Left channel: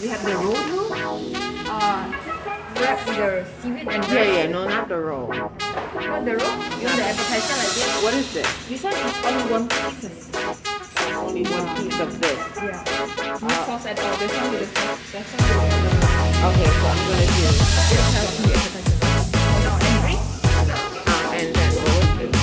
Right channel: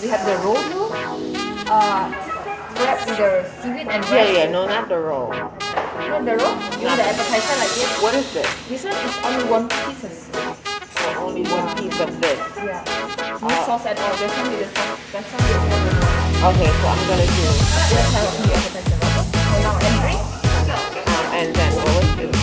We have the roll wrapped with the seaweed and Yeah, rice. yeah, no, not the roll. Not the roll? This is the appetizer like this. What is this? This one is only one piece. Oh, only one piece of this. Yeah. No sauce at all. This one with the sauce. That one with the Okay, so I'm gonna do. Let's have the appetizer. So now entry. And then what was this?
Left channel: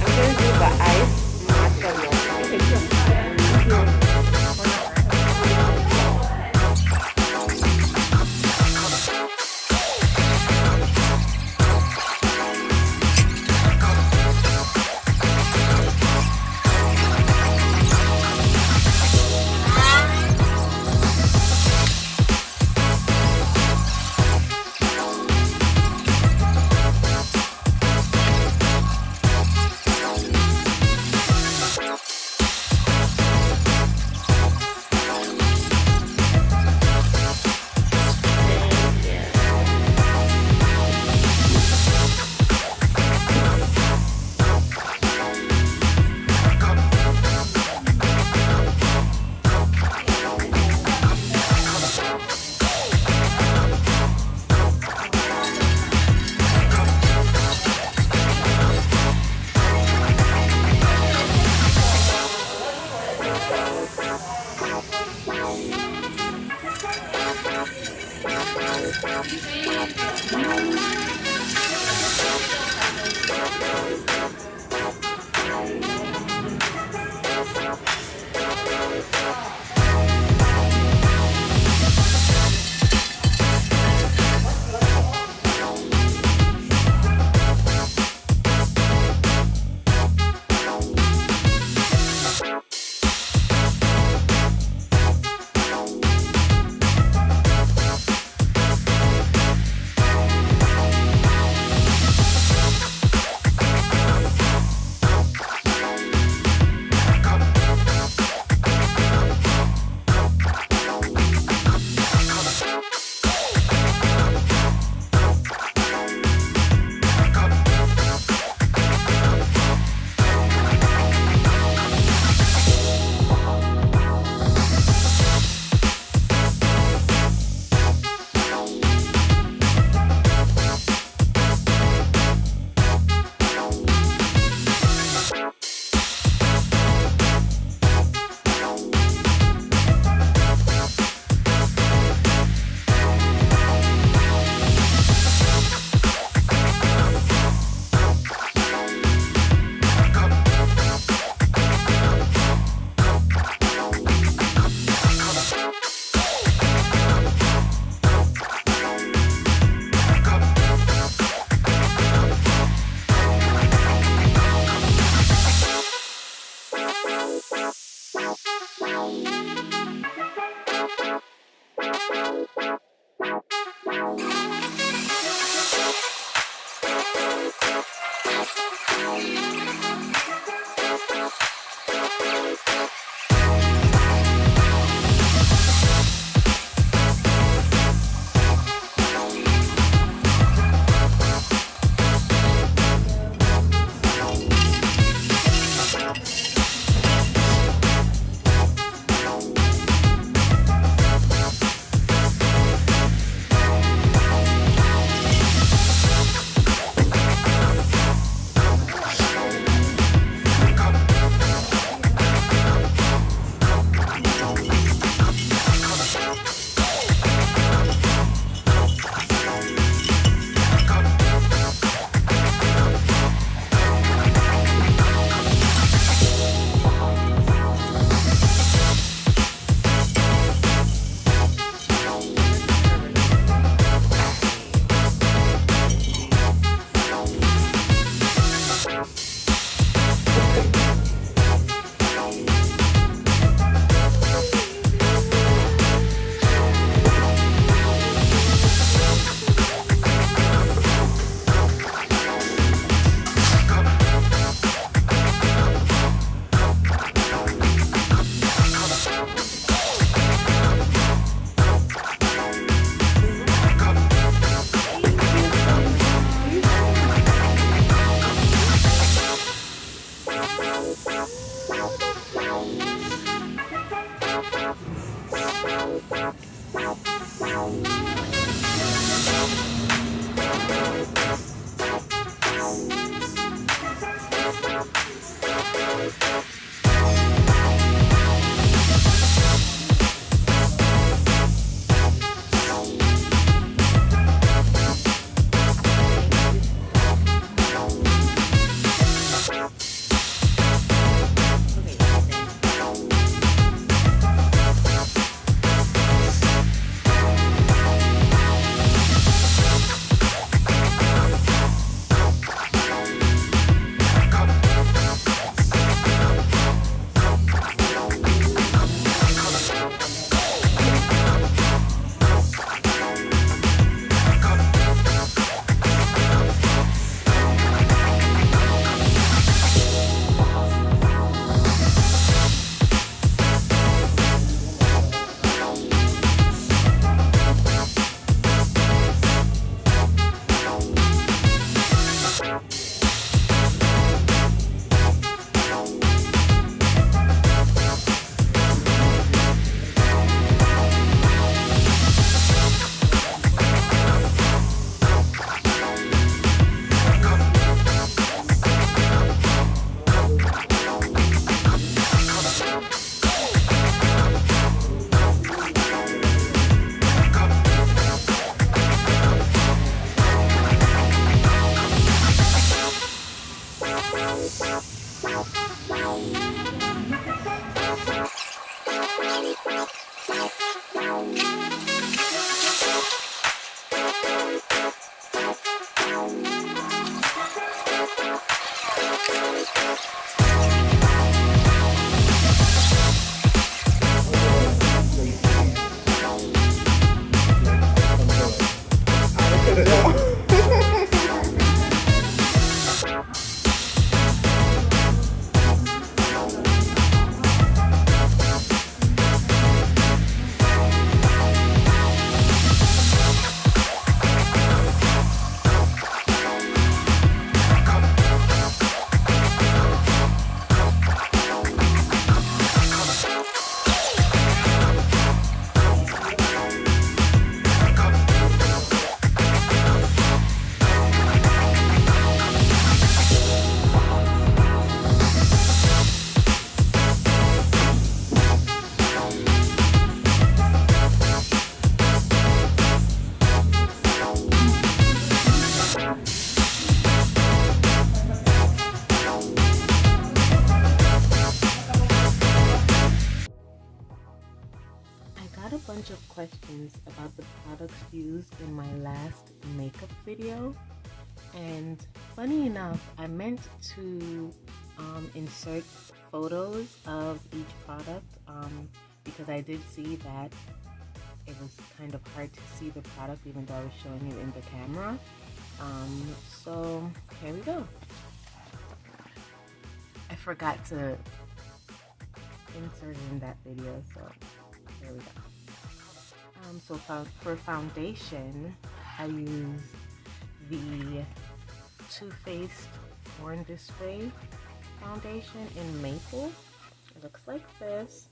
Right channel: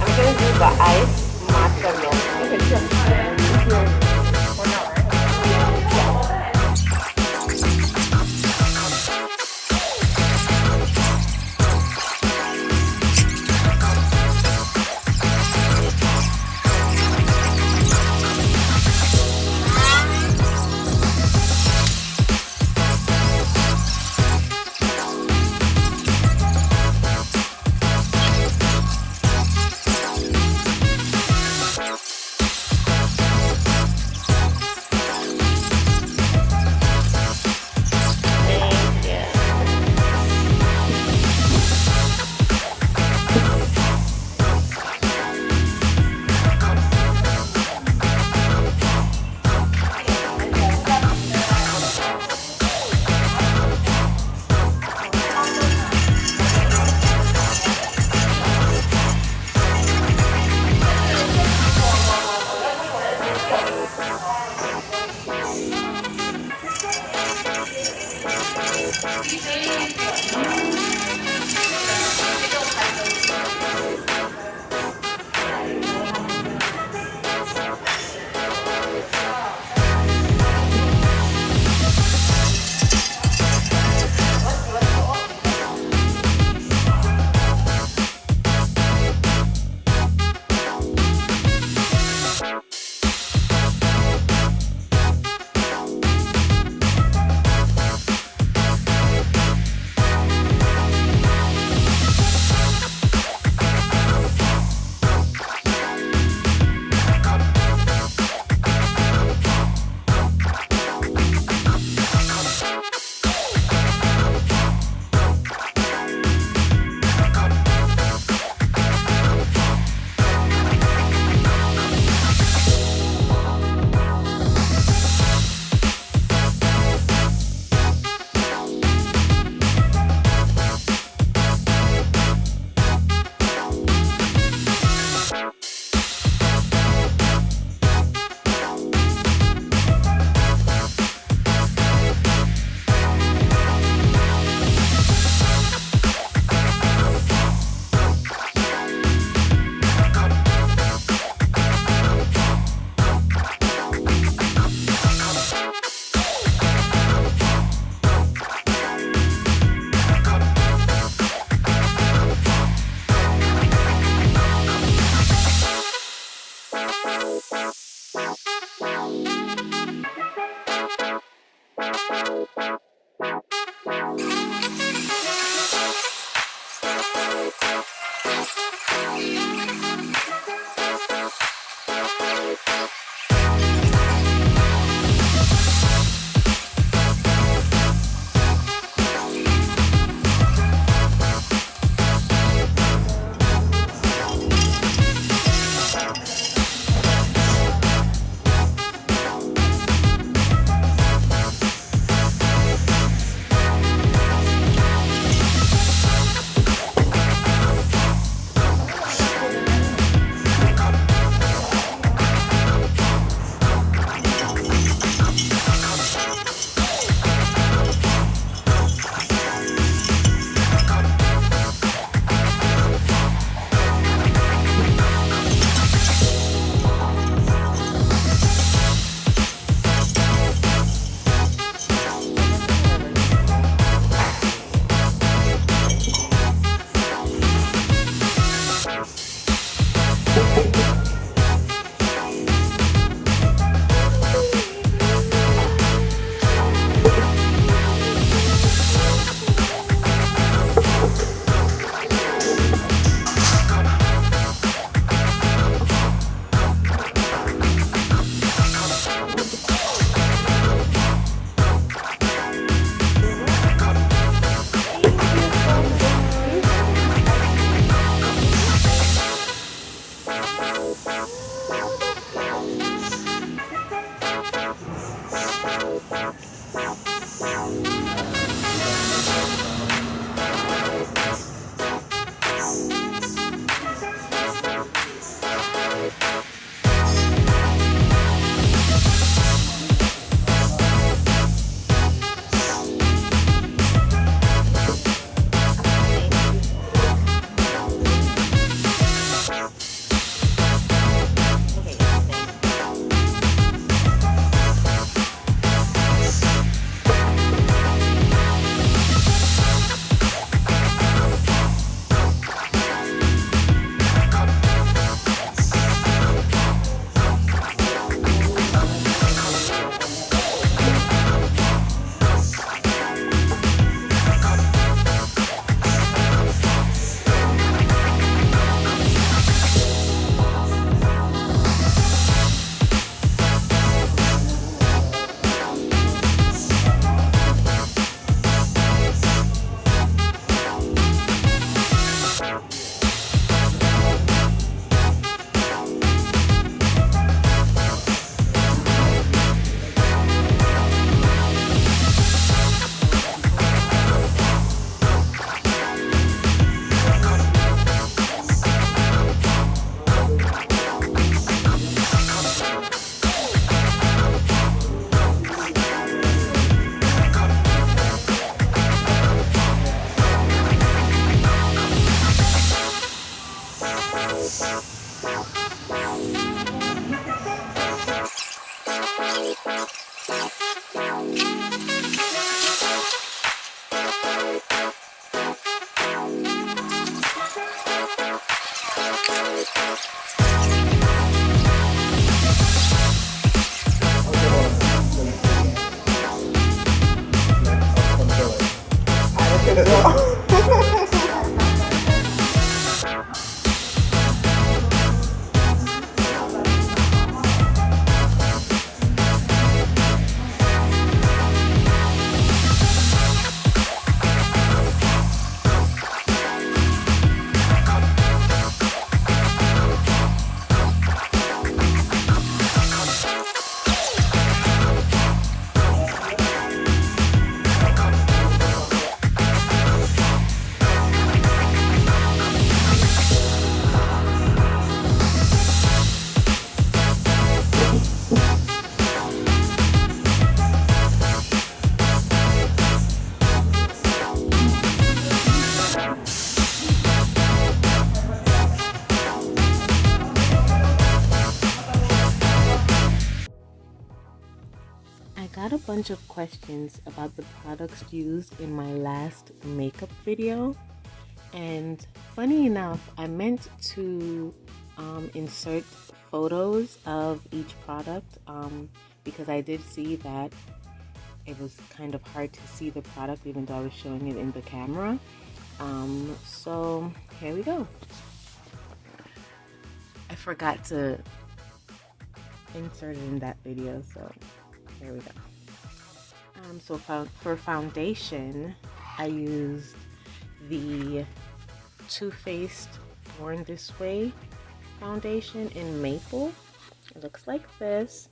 I'm gonna do the ice matcha milk. Okay, sure. Got a bunch of questions about the products used in my last makeup video, and funny enough, I meant to insert photos of each product because I did see that it was kind of hard to see the product even though I was showing it in the camera. So here we go. I forgot to insert it in that video, so there we go. So for foundation, I use the Too Faced Born This Way foundation in Maple. It looks like this.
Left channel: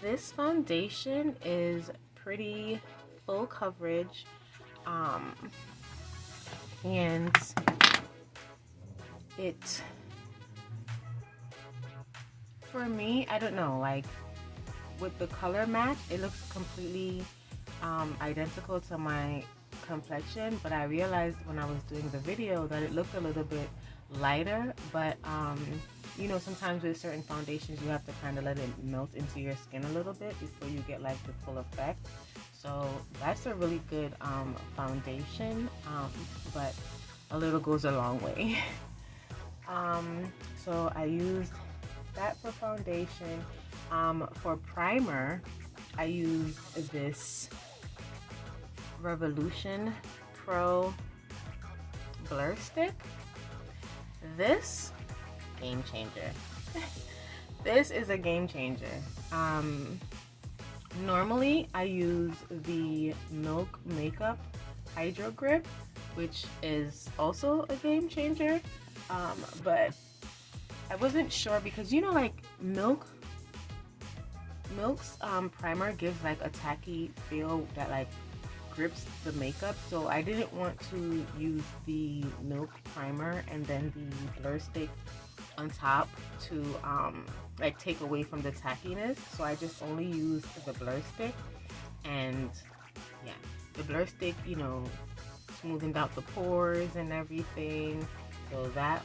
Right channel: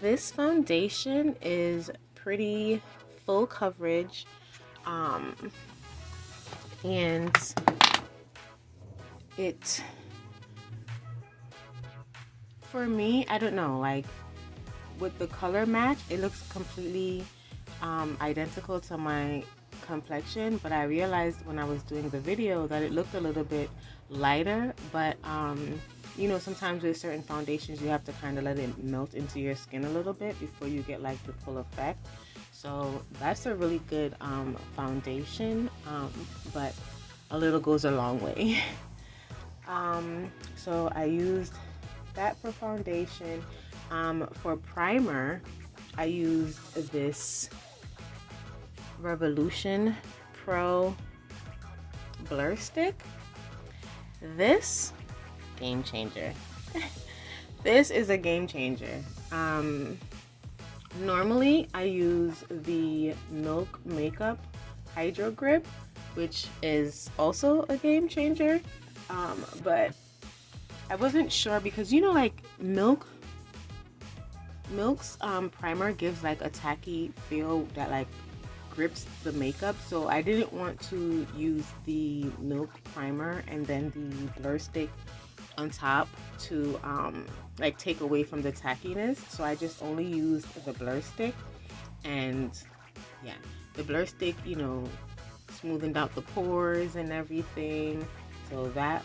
This foundation is pretty full coverage, and it, for me, I don't know, like with the color match, it looks completely identical to my complexion, but I realized when I was doing the video that it looked a little bit lighter, but you know, sometimes with certain foundations you have to kind of let it melt into your skin a little bit before you get like the full effect. So that's a really good foundation, but a little goes a long way. So I used that for foundation. For primer, I used this Revolution Pro Blur Stick. This, game changer. This is a game changer. Normally I use the Milk Makeup Hydro Grip, which is also a game changer, but I wasn't sure because, you know, like Milk Milk's primer gives like a tacky feel that like grips the makeup, so I didn't want to use the Milk primer and then the blur stick on top to like take away from the tackiness. So I just only used the blur stick, and yeah, the blur stick, you know, smoothened out the pores and everything, so that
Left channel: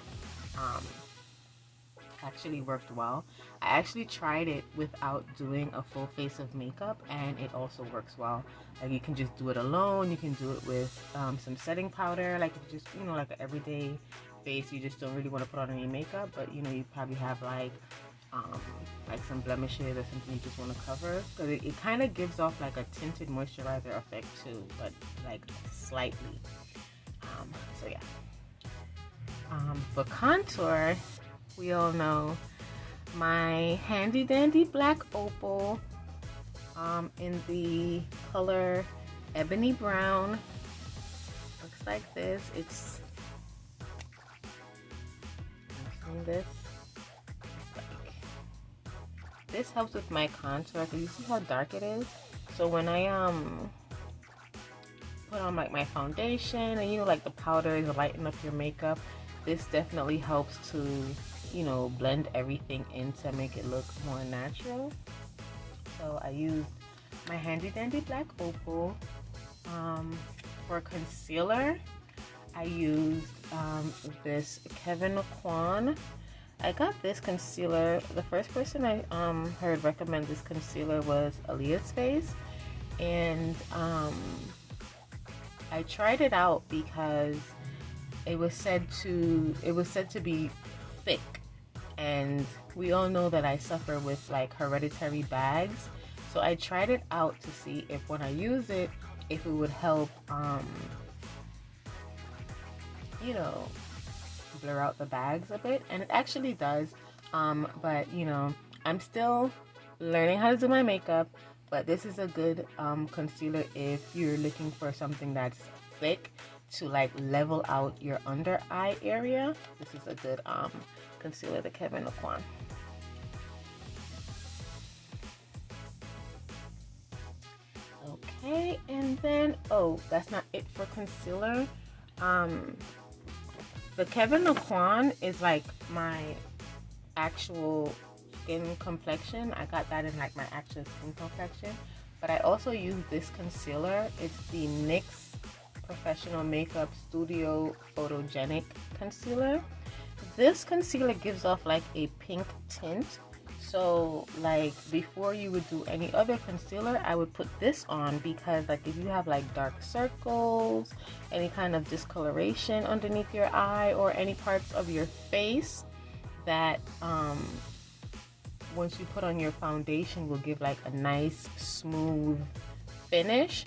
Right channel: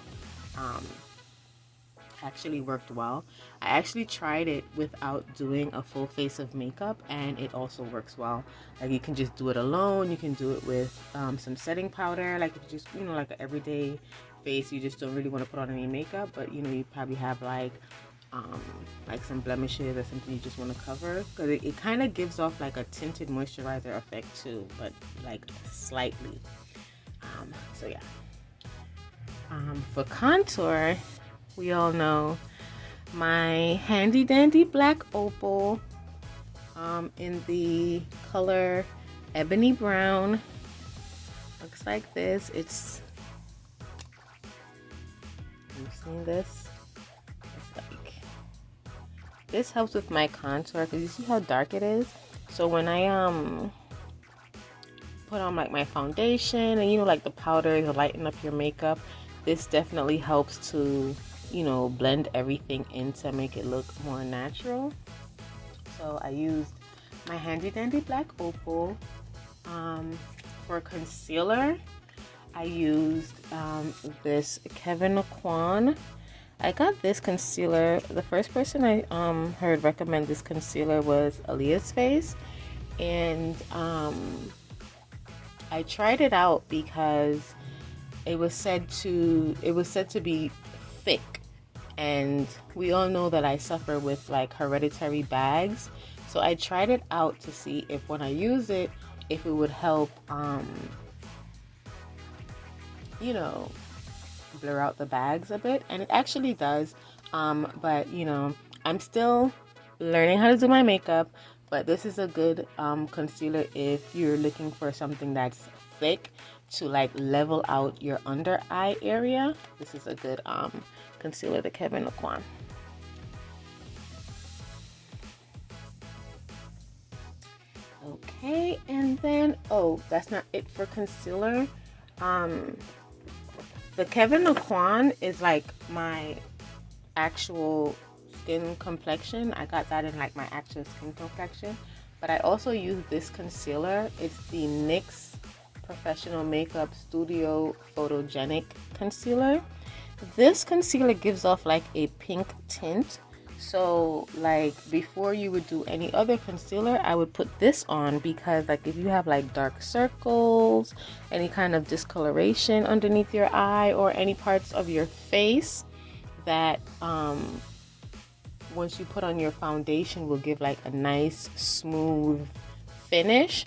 actually worked well. I actually tried it without doing a full face of makeup, and it also works well. Like you can just do it alone, you can do it with some setting powder, like if you just, you know, like an everyday face, you just don't really want to put on any makeup, but you know, you probably have like some blemishes or something you just want to cover, because it kind of gives off like a tinted moisturizer effect too, but like slightly. So yeah. For contour, we all know my handy dandy black opal in the color ebony brown. Looks like this. It's, I'm seeing this. It's like, this helps with my contour because you see how dark it is. So when I put on like my foundation and, you know, like the powder to lighten up your makeup, this definitely helps to, you know, blend everything in to make it look more natural. So I used my handy dandy black opal. For concealer, I used this Kevyn Aucoin. I got this concealer, the first person I heard recommend this concealer was Aaliyah's Face, and I tried it out because it was said to be thick, and we all know that I suffer with like hereditary bags, so I tried it out to see if when I use it, if it would help you know, blur out the bags a bit, and it actually does. But you know, I'm still learning how to do my makeup, but this is a good concealer if you're looking for something that's thick to like level out your under eye area. This is a good concealer, the Kevyn Aucoin. Okay, and then, oh, that's not it for concealer. The Kevyn Aucoin is like my actual skin complexion. I got that in like my actual skin complexion, but I also use this concealer. It's the NYX Professional Makeup Studio Photogenic Concealer. This concealer gives off like a pink tint, so like before you would do any other concealer, I would put this on, because like if you have like dark circles, any kind of discoloration underneath your eye, or any parts of your face that once you put on your foundation will give like a nice smooth finish,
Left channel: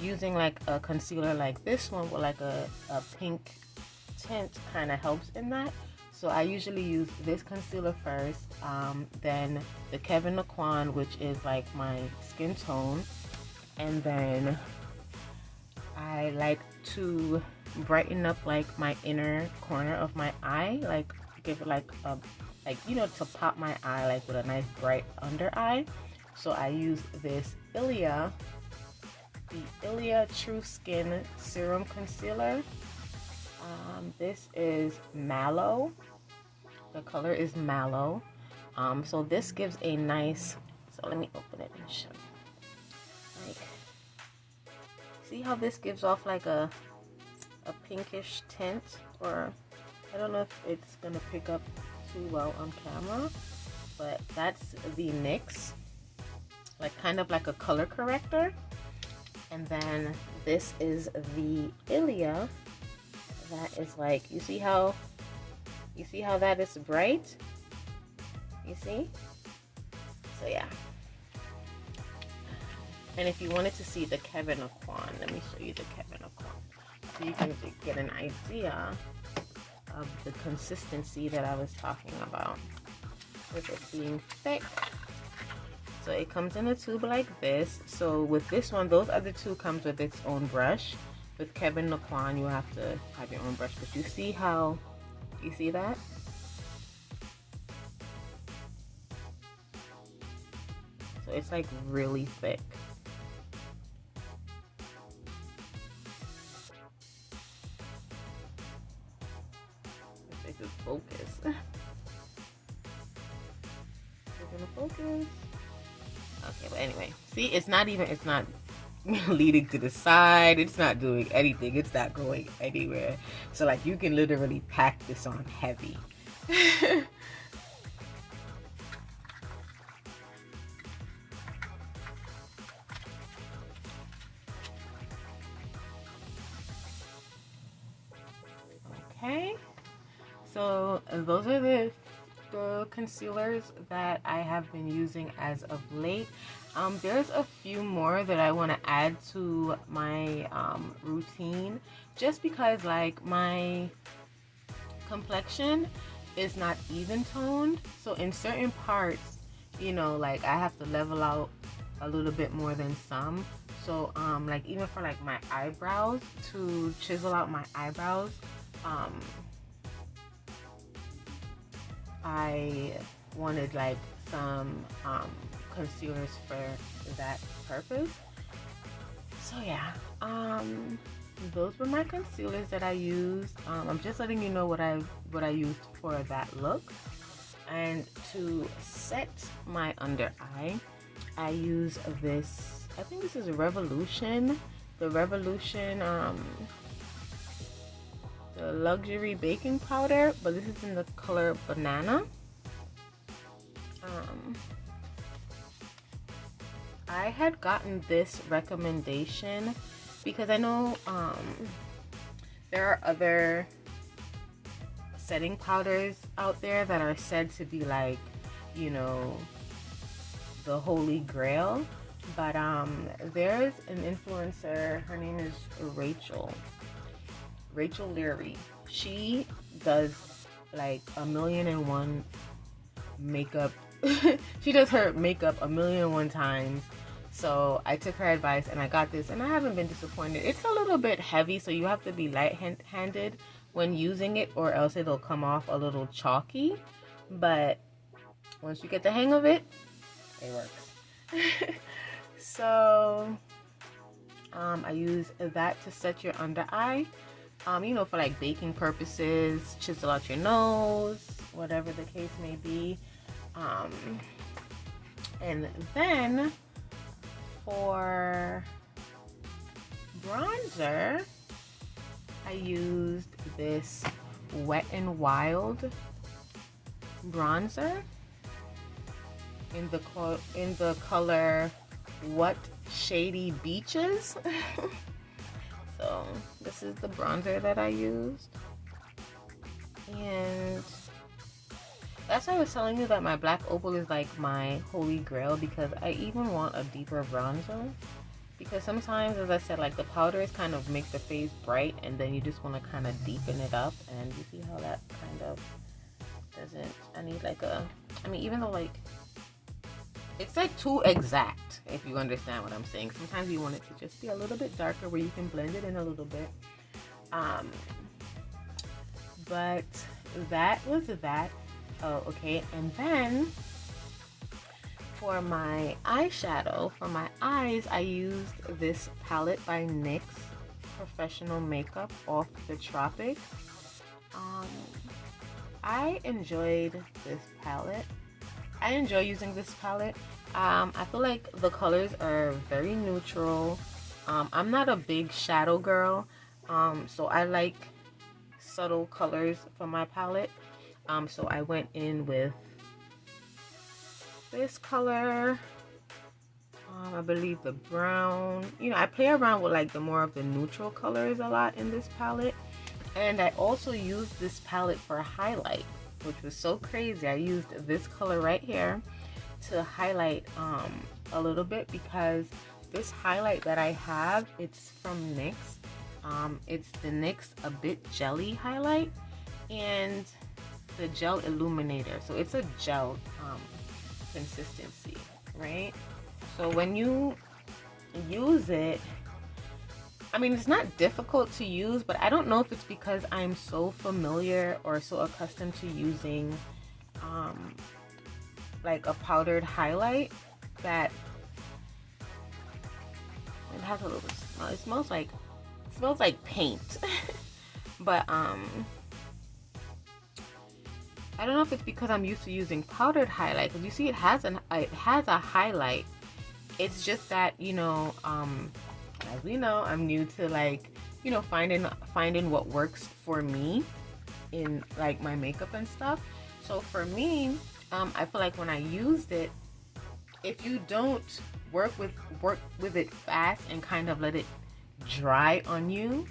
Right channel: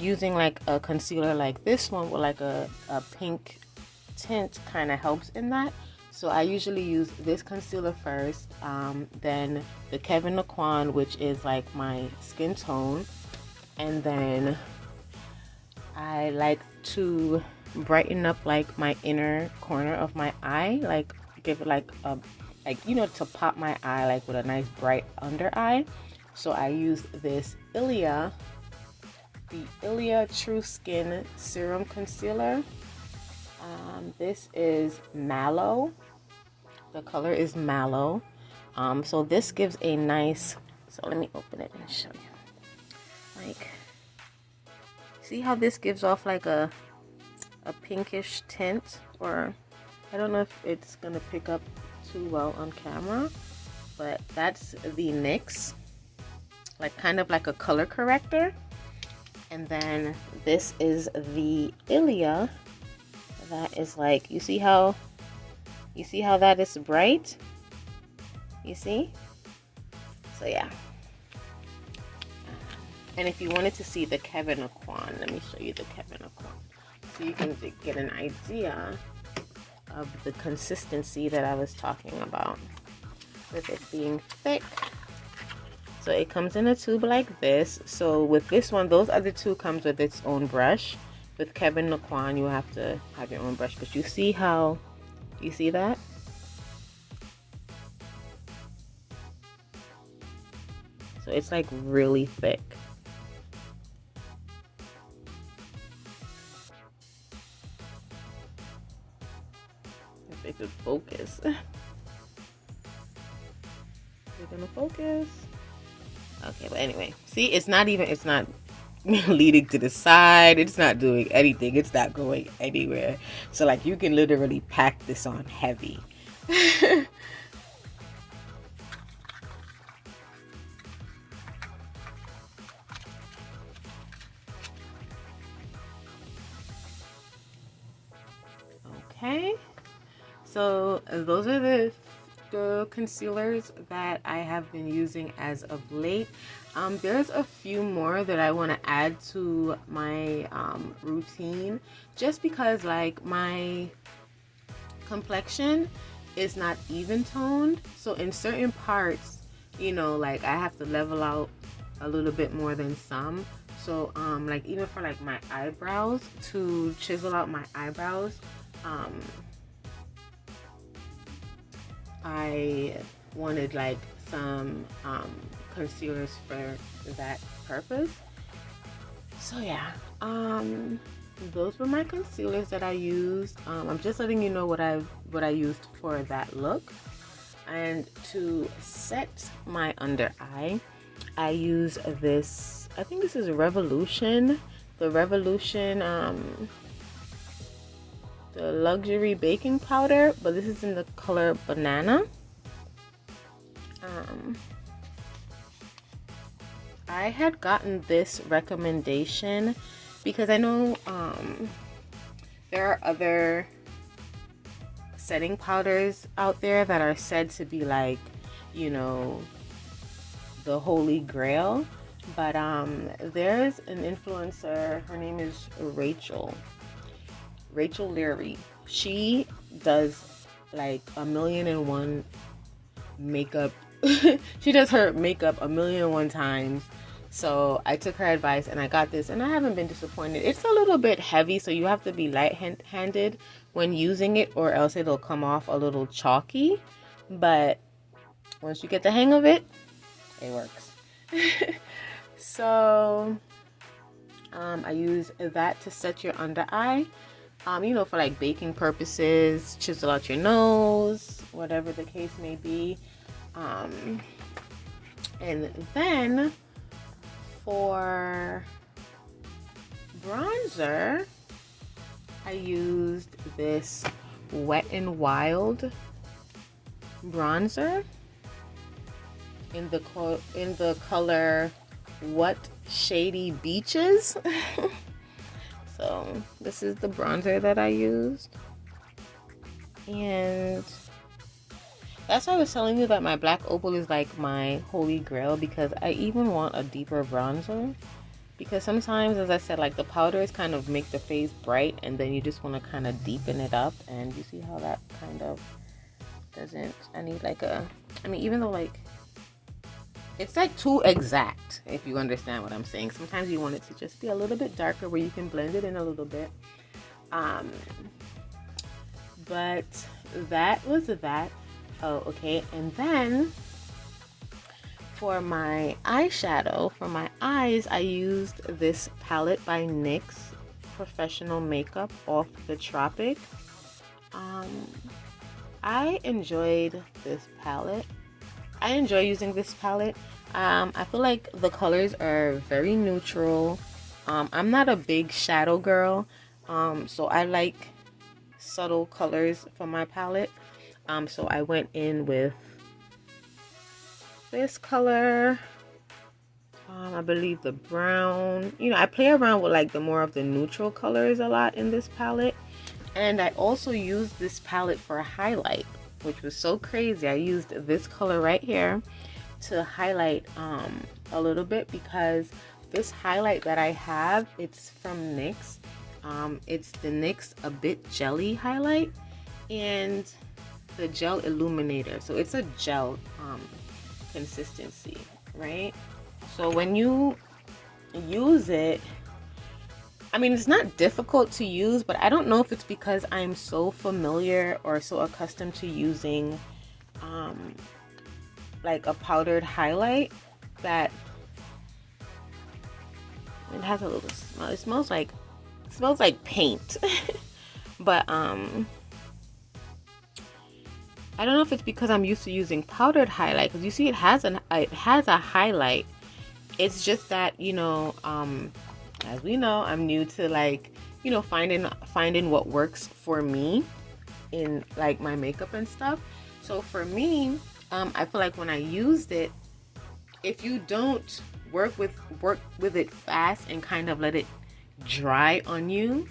using like a concealer like this one with like a pink tint kind of helps in that. So I usually use this concealer first, then the Kevyn Aucoin, which is like my skin tone, and then I like to brighten up like my inner corner of my eye, like give it like a, like, you know, to pop my eye like with a nice bright under eye. So I use this the Ilia True Skin Serum Concealer. This is Mallow. The color is Mallow. So this gives a nice, so let me open it and show you. Like, see how this gives off like a pinkish tint, or I don't know if it's gonna pick up too well on camera, but that's the NYX, like kind of like a color corrector. And then this is the Ilia. That is like, you see how that is bright? You see? So yeah. And if you wanted to see the Kevyn Aucoin, let me show you the Kevyn Aucoin, so you can get an idea of the consistency that I was talking about with it being thick. So it comes in a tube like this. So with this one, those other two comes with its own brush. With Kevyn Aucoin, you have to have your own brush, but you see how, you see that? So it's like really thick. If it could focus. We're gonna focus. Okay, but anyway, see, it's not leading to the side. It's not doing anything. It's not going anywhere. So like you can literally pack this on heavy. Okay, so those are the concealers that I have been using as of late. There's a few more that I want to add to my routine, just because like my complexion is not even toned. So in certain parts, you know, like I have to level out a little bit more than some. So like even for like my eyebrows, to chisel out my eyebrows, I wanted like some concealers for that purpose. So yeah, those were my concealers that I used. I'm just letting you know what I used for that look. And to set my under eye, I use this, I think this is a Revolution, the Revolution the luxury baking powder, but this is in the color banana. I had gotten this recommendation because I know there are other setting powders out there that are said to be like, you know, the holy grail. But there's an influencer, her name is Rachel Leary. She does like 1,000,001 makeup. She does her makeup 1,000,001 times. So I took her advice and I got this, and I haven't been disappointed. It's a little bit heavy, so you have to be light-handed when using it, or else it'll come off a little chalky. But once you get the hang of it, it works. So I use that to set your under eye. You know, for like baking purposes, chisel out your nose, whatever the case may be. And then for bronzer, I used this Wet n Wild bronzer in the color What Shady Beaches. So this is the bronzer that I used, and that's why I was telling you that my black opal is like my holy grail, because I even want a deeper bronzer, because sometimes, as I said, like the powders kind of make the face bright, and then you just want to kind of deepen it up, and you see how that kind of doesn't, I need like a, I mean, even though like it's like too exact, if you understand what I'm saying. Sometimes you want it to just be a little bit darker where you can blend it in a little bit. But that was that. Oh, okay. And then for my eyeshadow, for my eyes, I used this palette by NYX, Professional Makeup Off the Tropic. I enjoyed this palette. I enjoy using this palette. I feel like the colors are very neutral. I'm not a big shadow girl, so I like subtle colors for my palette. So I went in with this color, I believe the brown. You know, I play around with like the more of the neutral colors a lot in this palette. And I also used this palette for a highlight, which was so crazy. I used this color right here to highlight a little bit, because this highlight that I have, it's from NYX. It's the NYX A Bit Jelly highlight and the gel illuminator. So it's a gel consistency, right? So when you use it, I mean, it's not difficult to use, but I don't know if it's because I'm so familiar or so accustomed to using like a powdered highlight, that it has a little smell. It smells like paint. But I don't know if it's because I'm used to using powdered highlight, because you see it has a highlight. It's just that, you know, as we know, I'm new to, like, you know, finding what works for me in like my makeup and stuff. So for me, I feel like when I used it, if you don't work with it fast and kind of let it dry on you,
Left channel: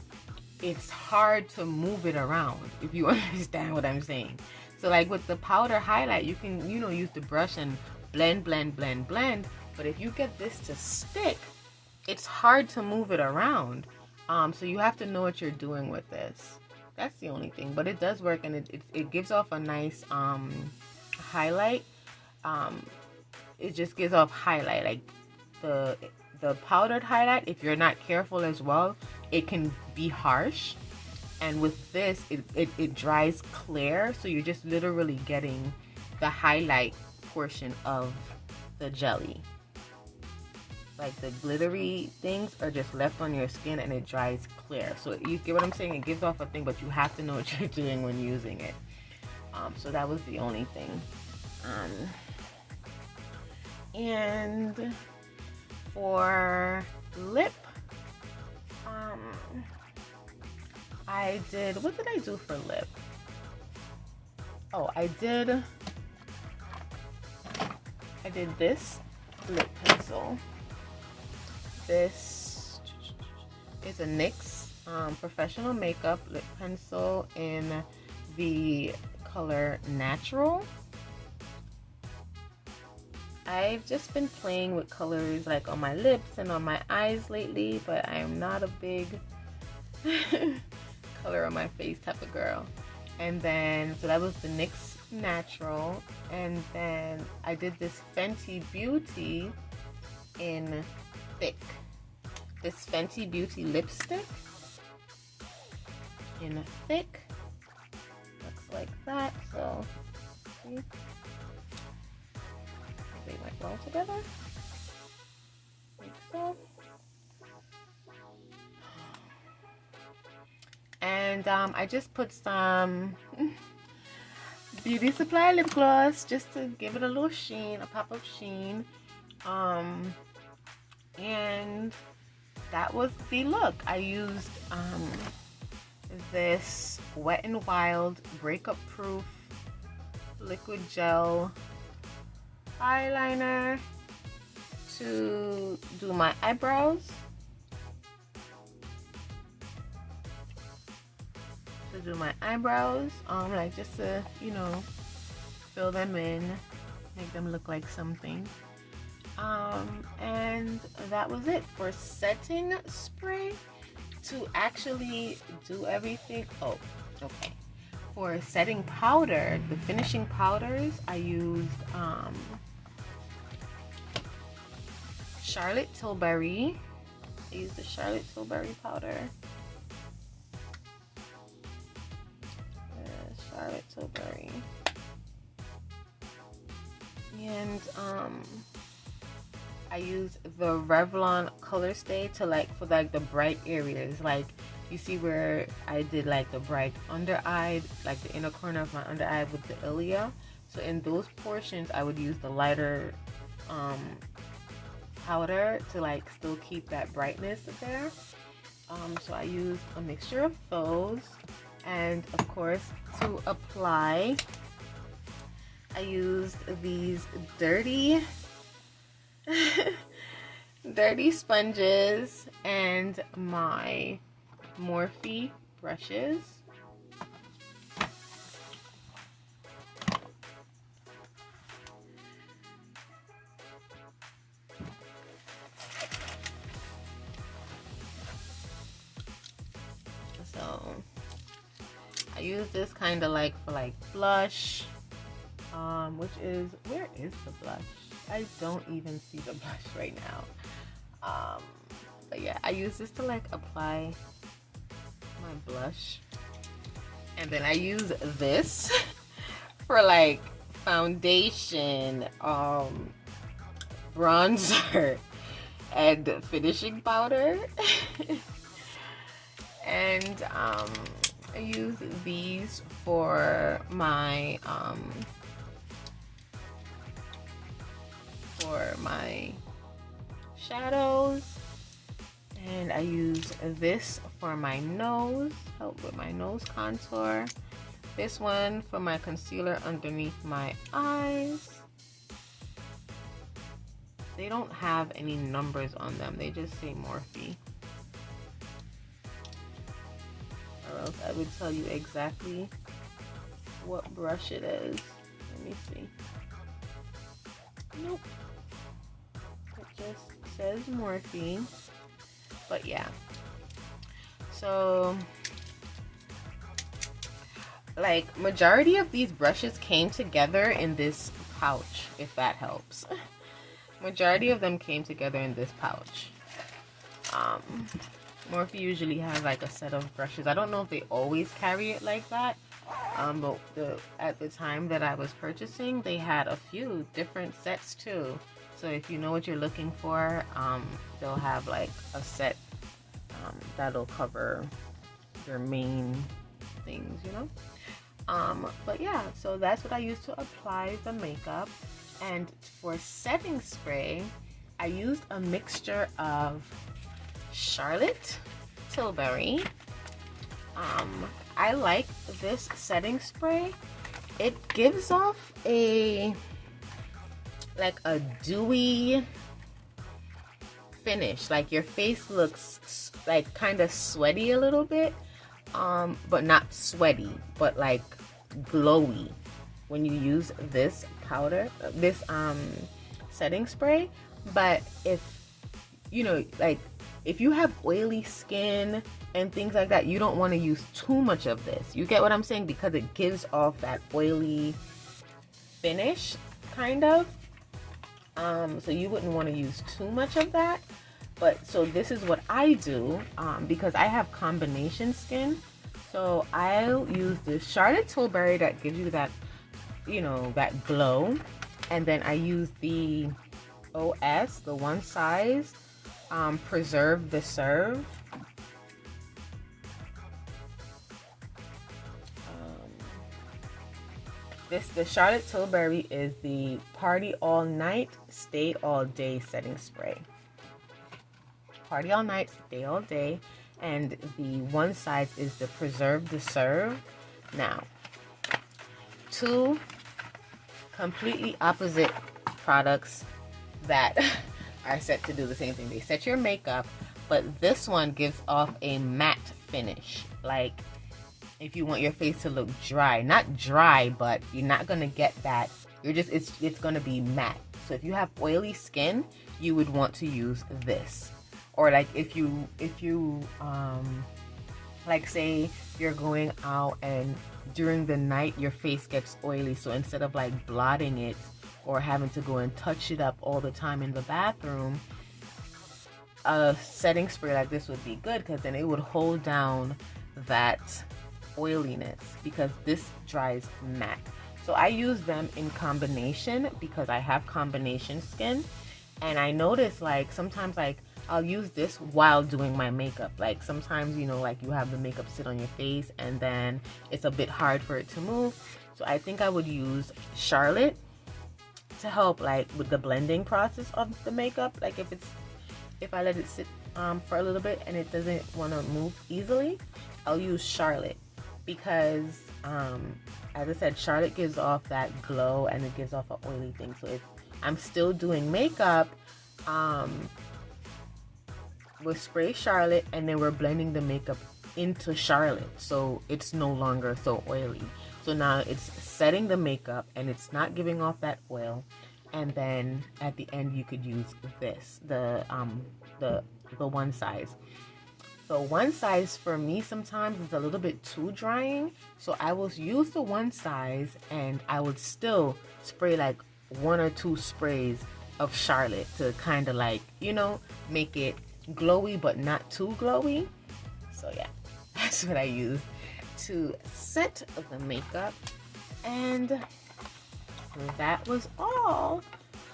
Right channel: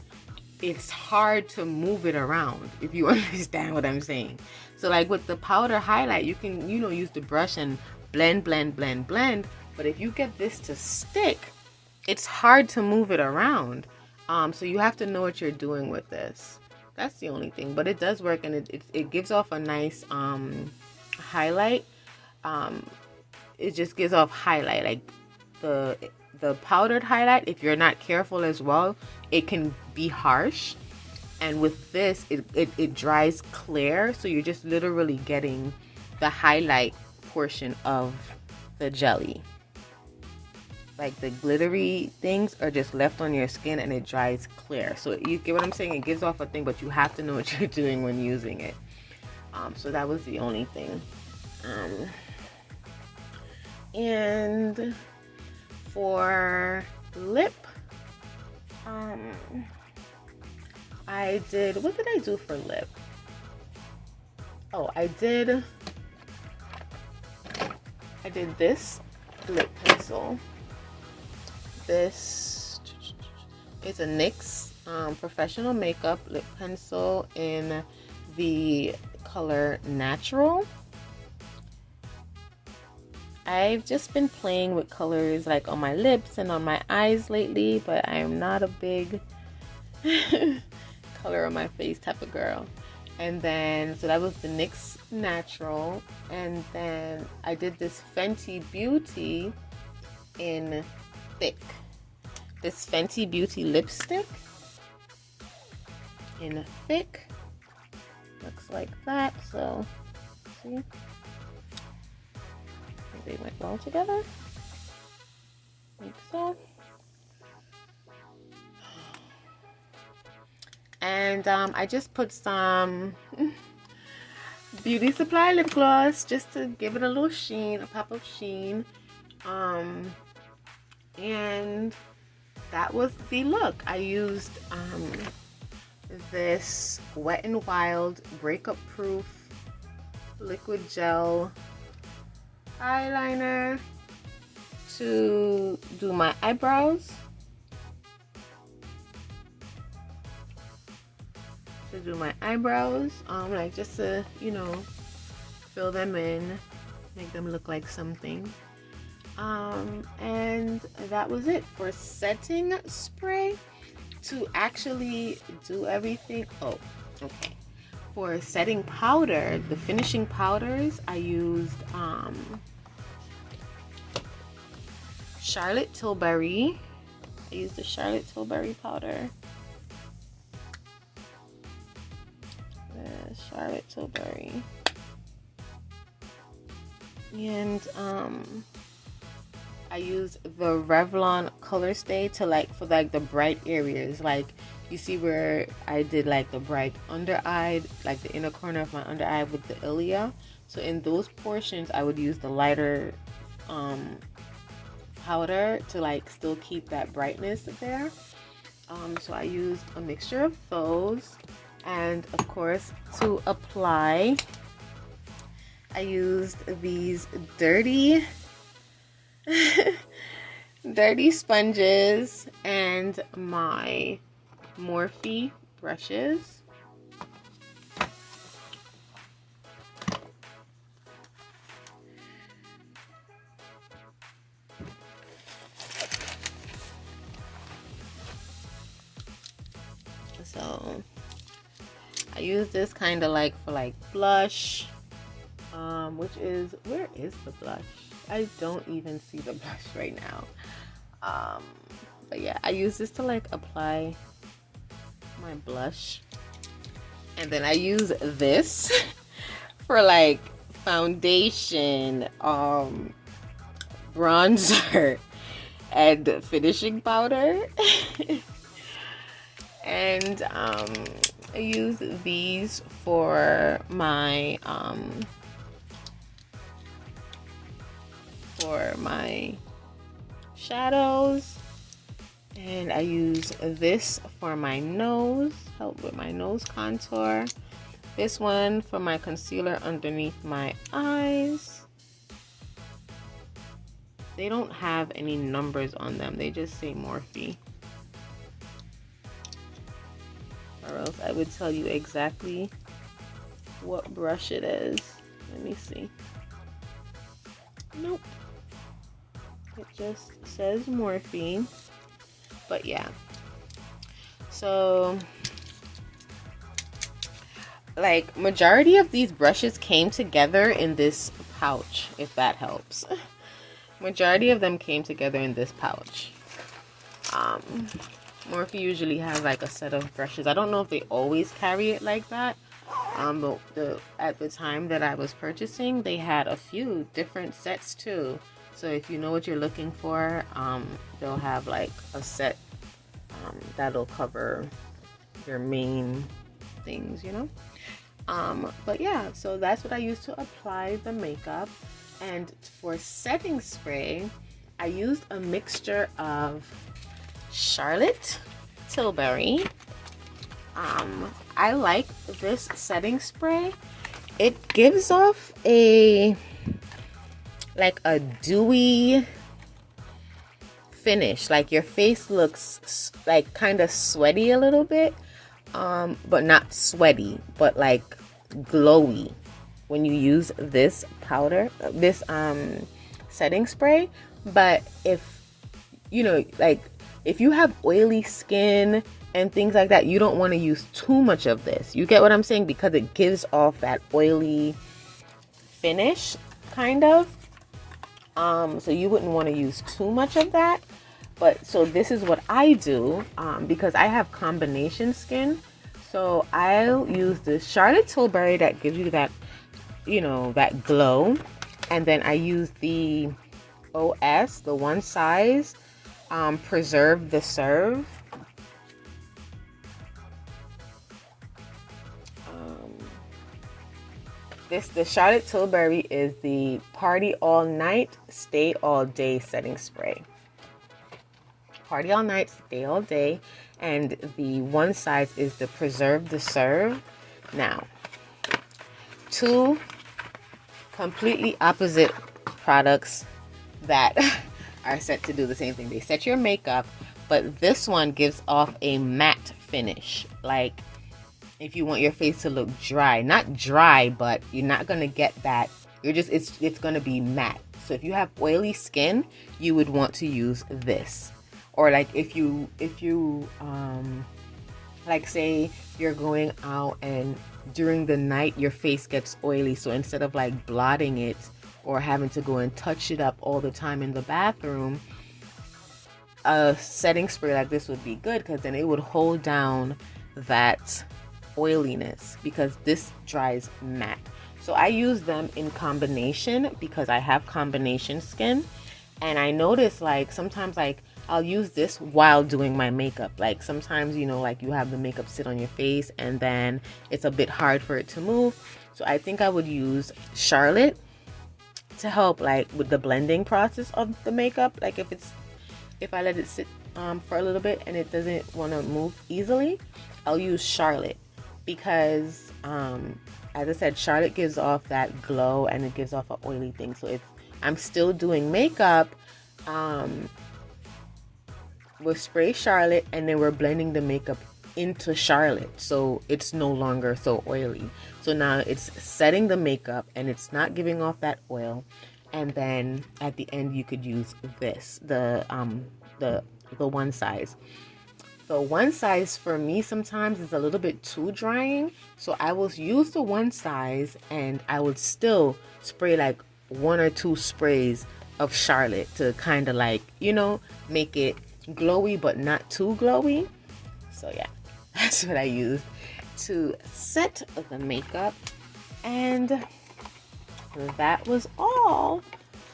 it's hard to move it around, if you understand what I'm saying. So like with the powder highlight, you can, you know, use the brush and blend. But if you get this to stick, it's hard to move it around. So you have to know what you're doing with this. That's the only thing. But it does work, and it gives off a nice highlight. It just gives off highlight. Like the powdered highlight, if you're not careful as well, it can be harsh. And with this, it dries clear, so you're just literally getting the highlight portion of the jelly. Like the glittery things are just left on your skin, and it dries clear. So you get what I'm saying? It gives off a thing, but you have to know what you're doing when using it. So that was the only thing. And for lip, what did I do for lip? Oh, I did this lip pencil. This is a NYX professional makeup lip pencil in the color Natural. I've just been playing with colors like on my lips and on my eyes lately, but I am not a big color on my face type of girl. And then, so that was the NYX Natural. And then I did this Fenty Beauty in Thick. This Fenty Beauty lipstick in Thick. Looks like that. So, see? They went well together. I think so. And I just put some Beauty Supply lip gloss just to give it a little sheen, a pop of sheen. And that was the look. I used this Wet n Wild breakup proof liquid gel eyeliner to do my eyebrows. Like just to, you know, fill them in, make them look like something. And that was it for setting spray. To actually do everything, oh, okay. For setting powder, the finishing powders, I used Charlotte Tilbury. I used the Charlotte Tilbury powder. Charlotte Tilbury. And I use the Revlon Color Stay to for the bright areas. Like you see where I did like the bright under eye, like the inner corner of my under eye with the Ilia. So in those portions, I would use the lighter powder to still keep that brightness there. So I used a mixture of those. And of course, to apply, I used these dirty sponges and my Morphe brushes. So I use this kind of for blush, which is, where is the blush? I don't even see the blush right now. But yeah, I use this to apply my blush. And then I use this for foundation, bronzer and finishing powder. And I use these for my shadows, and I use this for my nose, help with my nose contour. This one for my concealer underneath my eyes. They don't have any numbers on them, they just say Morphe. Or else I would tell you exactly what brush it is. Let me see. Nope. It just says Morphe. But yeah. So, like, majority of these brushes came together in this pouch, if that helps. Majority of them came together in this pouch. Morphe usually has like a set of brushes. I don't know if they always carry it like that. But at the time that I was purchasing, they had a few different sets too. So if you know what you're looking for, they'll have like a set that'll cover your main things, you know. But yeah, so that's what I use to apply the makeup. And for setting spray, I used a mixture of Charlotte Tilbury. I like this setting spray. It gives off a dewy finish. Like your face looks like kind of sweaty a little bit, but not sweaty, but like glowy when you use this powder, this setting spray. But if you know, like if you have oily skin and things like that, you don't want to use too much of this. You get what I'm saying? Because it gives off that oily finish kind of. So you wouldn't want to use too much of that. But so this is what I do, because I have combination skin. So I'll use the Charlotte Tilbury that gives you that, you know, that glow. And then I use the OS, the one size, Preserve the Serve. The Charlotte Tilbury is the Party All Night, Stay All Day setting spray. Party All Night, Stay All Day. And the one size is the Preserve the Serve. Now, two completely opposite products that are set to do the same thing. They set your makeup, but this one gives off a matte finish. Like, if you want your face to look dry, not dry, but you're not gonna get that. It's gonna be matte. So if you have oily skin, you would want to use this. Or like if you like say you're going out and during the night your face gets oily, so instead of like blotting it or having to go and touch it up all the time in the bathroom, a setting spray like this would be good, because then it would hold down that oiliness, because this dries matte. So I use them in combination because I have combination skin, and I notice like sometimes like I'll use this while doing my makeup. Like sometimes, you know, like you have the makeup sit on your face and then it's a bit hard for it to move. So I think I would use Charlotte to help like with the blending process of the makeup. Like if I let it sit for a little bit and it doesn't want to move easily, I'll use Charlotte, because as I said, Charlotte gives off that glow and it gives off an oily thing. So if I'm still doing makeup, we'll spray Charlotte and then we're blending the makeup into Charlotte, so it's no longer so oily. So now it's setting the makeup and it's not giving off that oil. And then at the end you could use this, the one size. So one size for me sometimes is a little bit too drying, so I will use the one size and I would still spray like 1 or 2 sprays of Charlotte to kind of like, you know, make it glowy but not too glowy. So yeah, that's what I use to set the makeup, and that was all.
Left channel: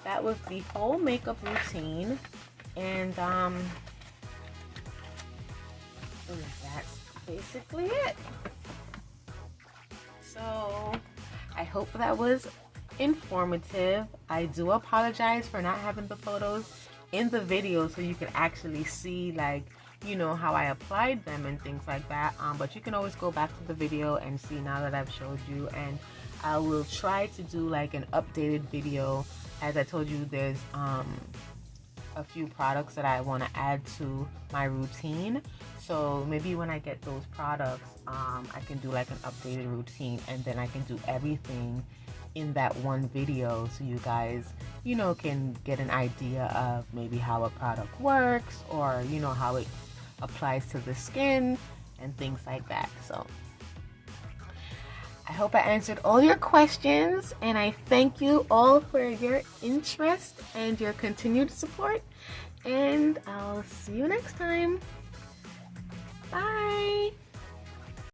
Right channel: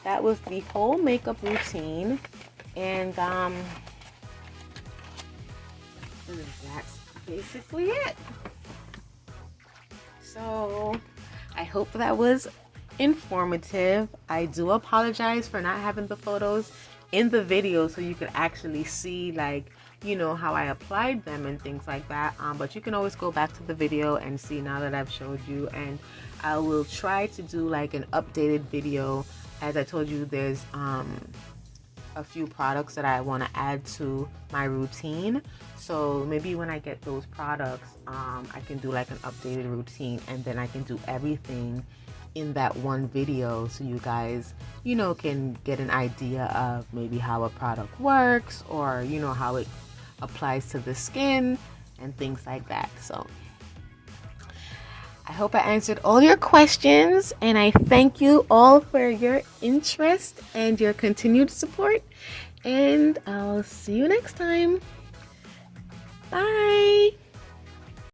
that was the whole makeup routine. And that's basically it. So I hope that was informative. I do apologize for not having the photos in the video so you could actually see, like, you know, how I applied them and things like that, but you can always go back to the video and see now that I've showed you. And I will try to do like an updated video. As I told you, there's a few products that I want to add to my routine, so maybe when I get those products, I can do like an updated routine, and then I can do everything in that one video so you guys, you know, can get an idea of maybe how a product works, or you know, how it applies to the skin and things like that. So I hope I answered all your questions, and I thank you all for your interest and your continued support, and I'll see you next time.